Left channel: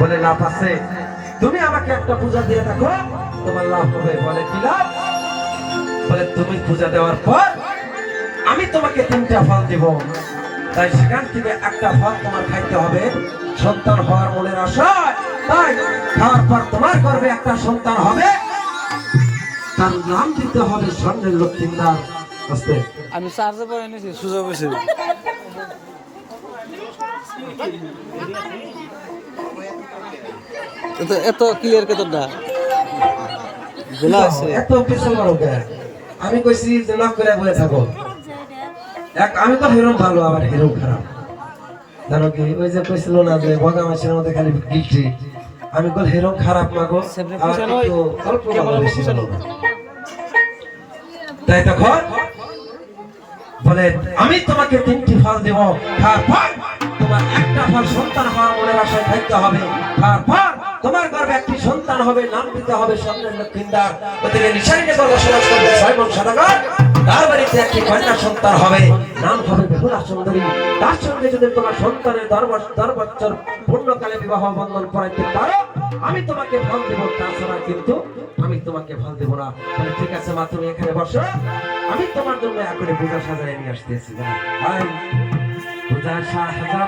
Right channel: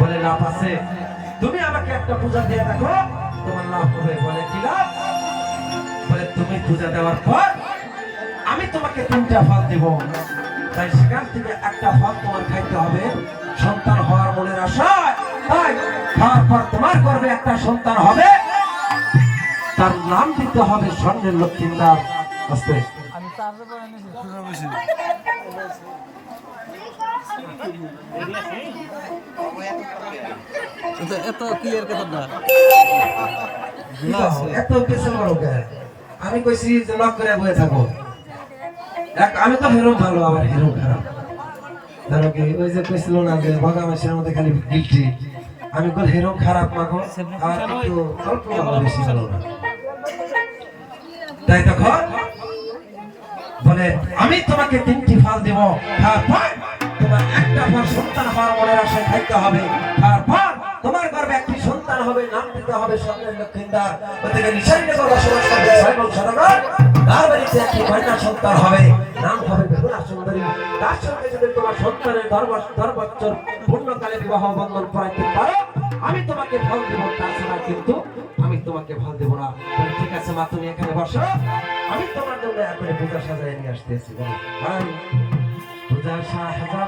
বলে লাভ আছে। তুমি আমাকে একটা পূজা দিয়ে দেখো। তোমার লাভ হবে বলে কি লাভ? বলে তুমি পূজা দেওয়ার পর আমি তোমাকে তিনটা ফল দেব। তাই সেখান থেকে একটা ফল তোমার খাইতে হবে। সন্তান হওয়ার মনের আশায় তাই খাওয়ার পর তোমার গর্ভে একটা সন্তান হবে। তার নাম দিতে হবে স্বর্ণের লক্ষ্মীদার আস্তে আমি চার্জে পরে নিয়েছি সুযোগ বসে এত ক্লিয়ার কে তোর গোলা আছে। এত কিছু? আমি কইছি যে লক করে বয়ে থাকো। এক আমি তো হেরো ভালো আবার হেরো খারাপ। জানো কি? ওই যে কইছিল না যে ভগা মাসের মধ্যে খালি গিলটি আমি কল হেরো খারাপ না গো? আবার একটু অল্প ভালো বেশি তাই দেখো বলে আমি তোমাকে তিনটি ফল দেব তারপর তোমার থাকতে হবে। তারপর তোমার গর্ভে একটি সন্তান হবে, নাম দিতে হবে স্বপ্নের লক্ষ্মীদার ওদিকে নিশারিকে তো বসবাস করবে ছয় তার বাড়িতে একটি কন্যা সন্তান হবে, নাম হবে বেহুলা সুন্দরী। তার সঙ্গে যদি তোমার সন্তানের দশ বছর পূর্ণকালে বিবাহ বন্ধন করাইতে পারো, আমি তোমাকে ফল দেবো, তাছাড়া কিন্তু আমি তোমাকে ফল দেবো না। ঠিক আছে মা, তুমি এখানে বসো। আমি তোমার জন্য এখনই পূজা সাজাই নিয়ে আসতেছি। পূজা সাজাবো